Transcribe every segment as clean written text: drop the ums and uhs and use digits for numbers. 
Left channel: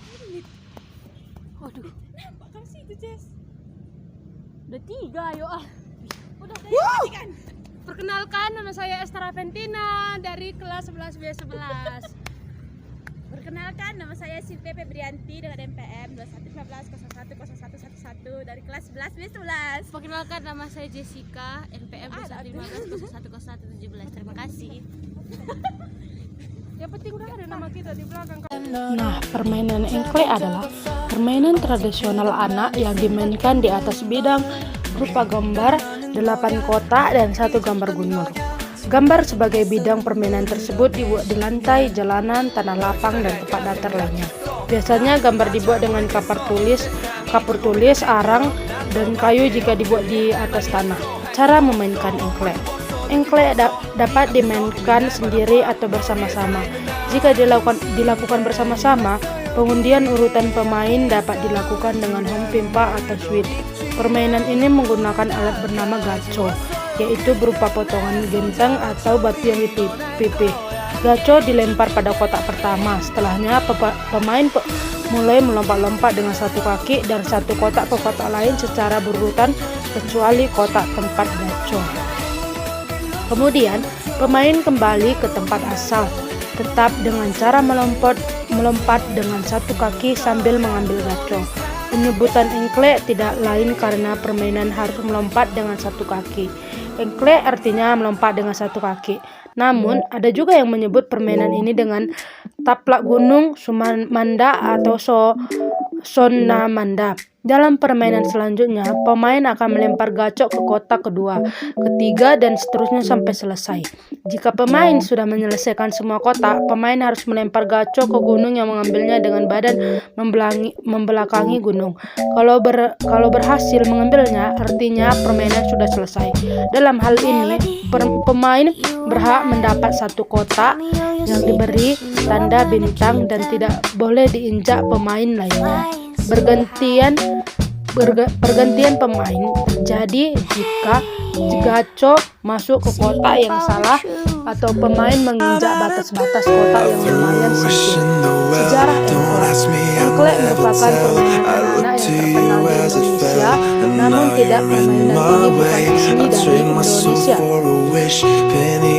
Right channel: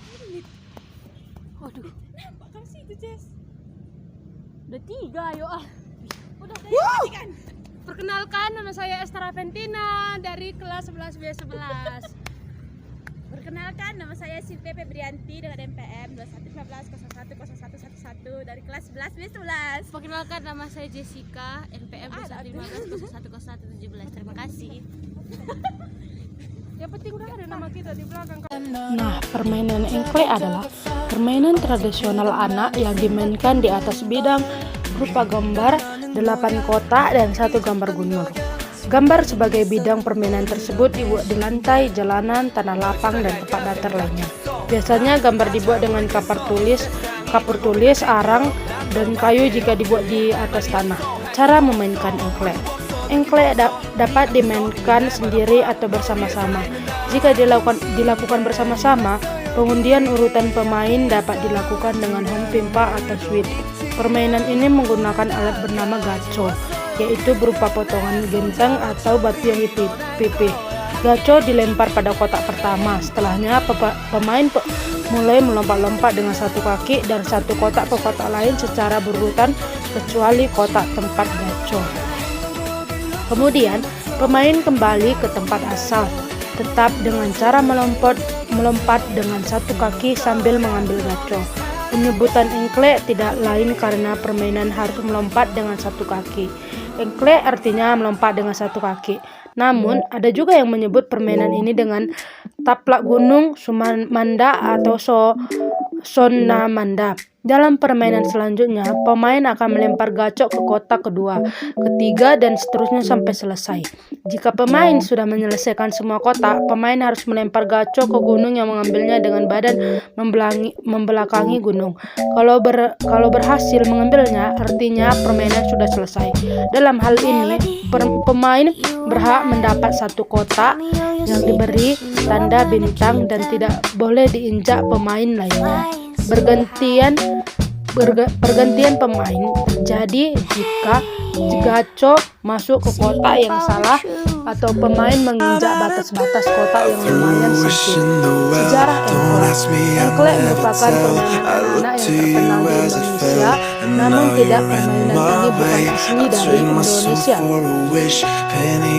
menit. Waduh, Nampak kamu sih itu, Jess. udah 3 ayo ah. Udah kan? Perkenalkan, nama saya Esther Aventina dari kelas 11 B11. Perkenalkan, nama saya Silvia Febrianti dengan NPM 2115010111 dari kelas 11 B11. Perkenalkan, nama saya Jessica, NPM 2115010117. Terima kasih. Yang penting udah ada nama kita di belakang. Nah, permainan engklek adalah permainan tradisional anak yang dimainkan di atas bidang berupa gambar, 8 kotak, dan 1 gambar gunung. Gambar sebagai bidang permainan tersebut dibuat di lantai, jalanan, tanah lapang, dan tempat datar lainnya. Biasanya gambar dibuat dengan kapur tulis, arang, dan kayu jika dibuat di atas tanah. Cara memainkan engklek. Engklek dapat dimainkan sendiri atau bersama-sama. Jika dilakukan bersama-sama, pengundian urutan pemain dapat dilakukan dengan home pimpa atau switch. Permainan ini menggunakan alat bernama gaco, yaitu berupa potongan genteng atau batu yang dipipih. Gaco dilempar pada kotak pertama. Setelahnya pemain mulai melompat-lompat dengan satu kaki dari satu kotak ke kotak lain secara berurutan kecuali kotak tempat gaco. Kemudian pemain kembali ke tempat asal, tetap dengan cara melompat dengan satu kaki sambil mengambil gaco. Penyebutan engklek tidak lain karena permainan harus melompat dengan satu kaki. Engklek artinya melompat dengan satu kaki. Namun, ada juga yang menyebut permainan ini dengan taplak gunung, sumanda, atau sonamanda. Dalam permainan selanjutnya, pemain akan melempar gacok ke kotak kedua, ketiga, dan seterusnya sampai selesai. Jika pemain sudah menyelesaikan semua kotak, pemain harus melempar gacok ke gunung yang mengambilnya dengan badan membelakangi gunung. Kalau berhasil mengambilnya, artinya permainan sudah selesai. Dalam hal ini, pemain berhak mendapat satu kotak yang diberi tanda bintang dan tidak boleh diinjak pemain lainnya. Pergantian pemain terjadi jika gaco masuk ke kotak yang salah atau pemain menginjak batas-batas kotak yang lumayan sempit. Sejarah engklek merupakan permainan anak-anak yang terkenal di Indonesia, namun tidak permainan ini bukan asli dari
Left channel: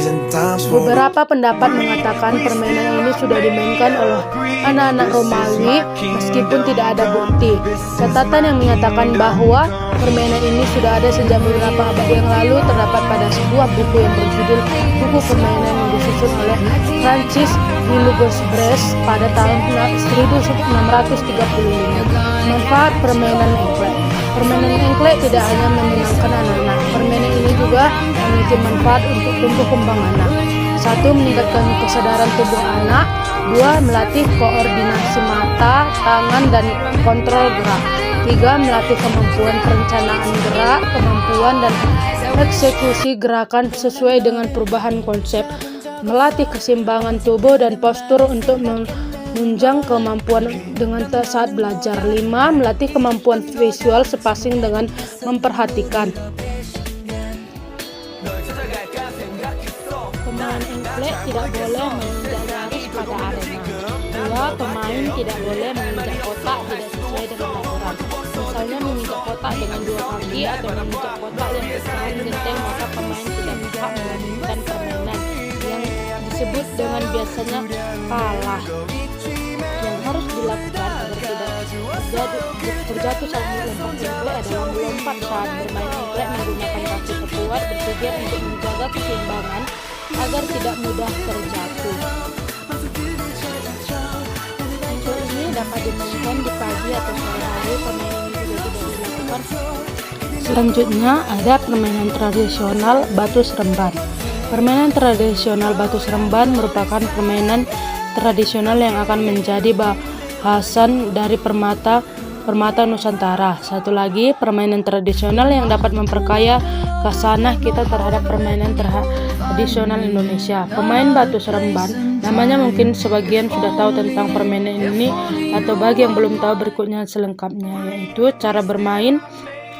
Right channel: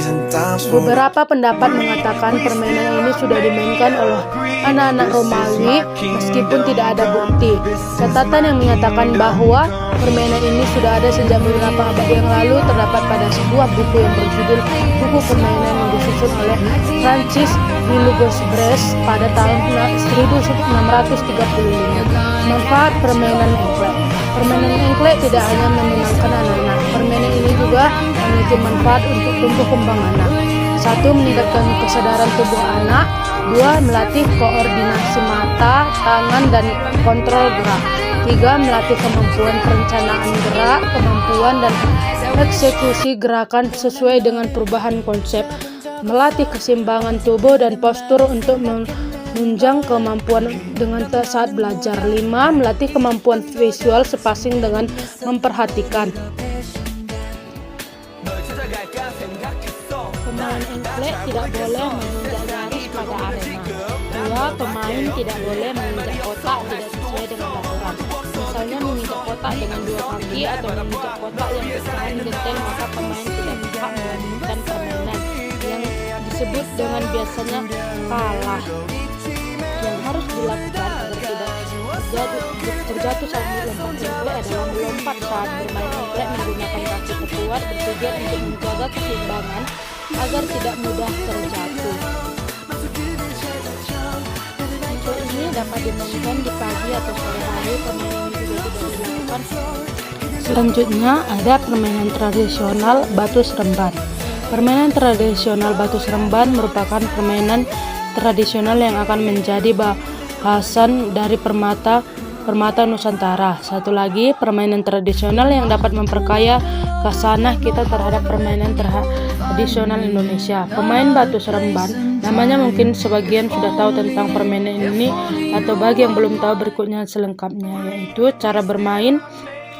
Indonesia. Beberapa pendapat mengatakan permainan ini sudah dimainkan oleh anak-anak Romawi meskipun tidak ada bukti. Catatan yang menyatakan bahwa permainan ini sudah ada sejak beberapa abad yang lalu terdapat pada sebuah buku yang berjudul Buku Permainan yang disusun oleh Francis Willibrord pada tahun 1635. Manfaat permainan engklek. Permainan engklek tidak hanya menyenangkan anak-anak. Permainan ini juga memiliki manfaat untuk tumbuh kembang anak. 1. Meningkatkan kesadaran tubuh anak. 2. Melatih koordinasi mata, tangan, dan kontrol gerak. 3. Melatih kemampuan perencanaan gerak, kemampuan dan eksekusi gerakan sesuai dengan perubahan konsep. Melatih keseimbangan tubuh dan postur untuk menunjang kemampuan dengan saat belajar. 5. Melatih kemampuan visual sepasing dengan memperhatikan. Pemain engklek tidak boleh menginjak garis pada arena. 2. Pemain tidak boleh menginjak kotak tidak sesuai dengan aturan. Misalnya menginjak kotak dengan 2 kaki atau menginjak kotak yang pecahan genteng, maka pemain tidak berhak melanjutkan permainan yang disebut dengan biasanya kalah. Yang harus dilakukan agar tidak terjatuh saat melompat engklek adalah melompat saat bermain engklek menggunakan kaki terkuat bertujuan untuk menjaga keseimbangan agar tidak mudah terjatuh. Engklek ini dapat dimainkan di pagi atau sore hari. Permainan ini juga tidak dilakukan. Selanjutnya ada permainan tradisional batu seremban. Permainan tradisional batu seremban merupakan permainan tradisional yang akan menjadi bahasan dari permata Nusantara. Satu lagi, permainan tradisional yang dapat memperkaya khasanah kita terhadap permainan tradisional Indonesia. Pemain batu seremban, namanya mungkin sebagian sudah tahu tentang permainan ini, atau bagi yang belum tahu berikutnya selengkapnya, yaitu cara bermain.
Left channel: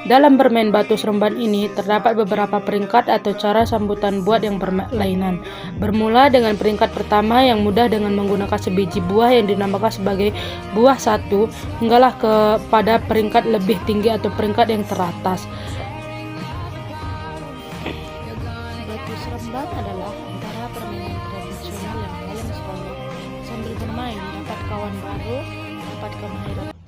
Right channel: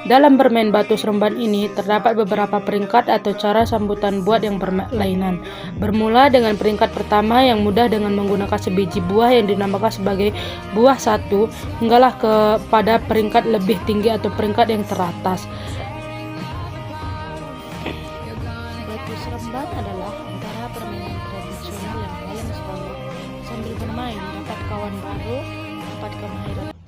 Dalam bermain batu seremban ini terdapat beberapa peringkat atau cara sambutan buat yang berlainan. Bermula dengan peringkat pertama yang mudah dengan menggunakan sebiji buah yang dinamakan sebagai buah satu, hinggalah kepada peringkat lebih tinggi atau peringkat yang teratas. Batu seremban adalah antara permainan tradisional yang paling seronok. Sambil bermain dapat kawan baru, dapat kemahiran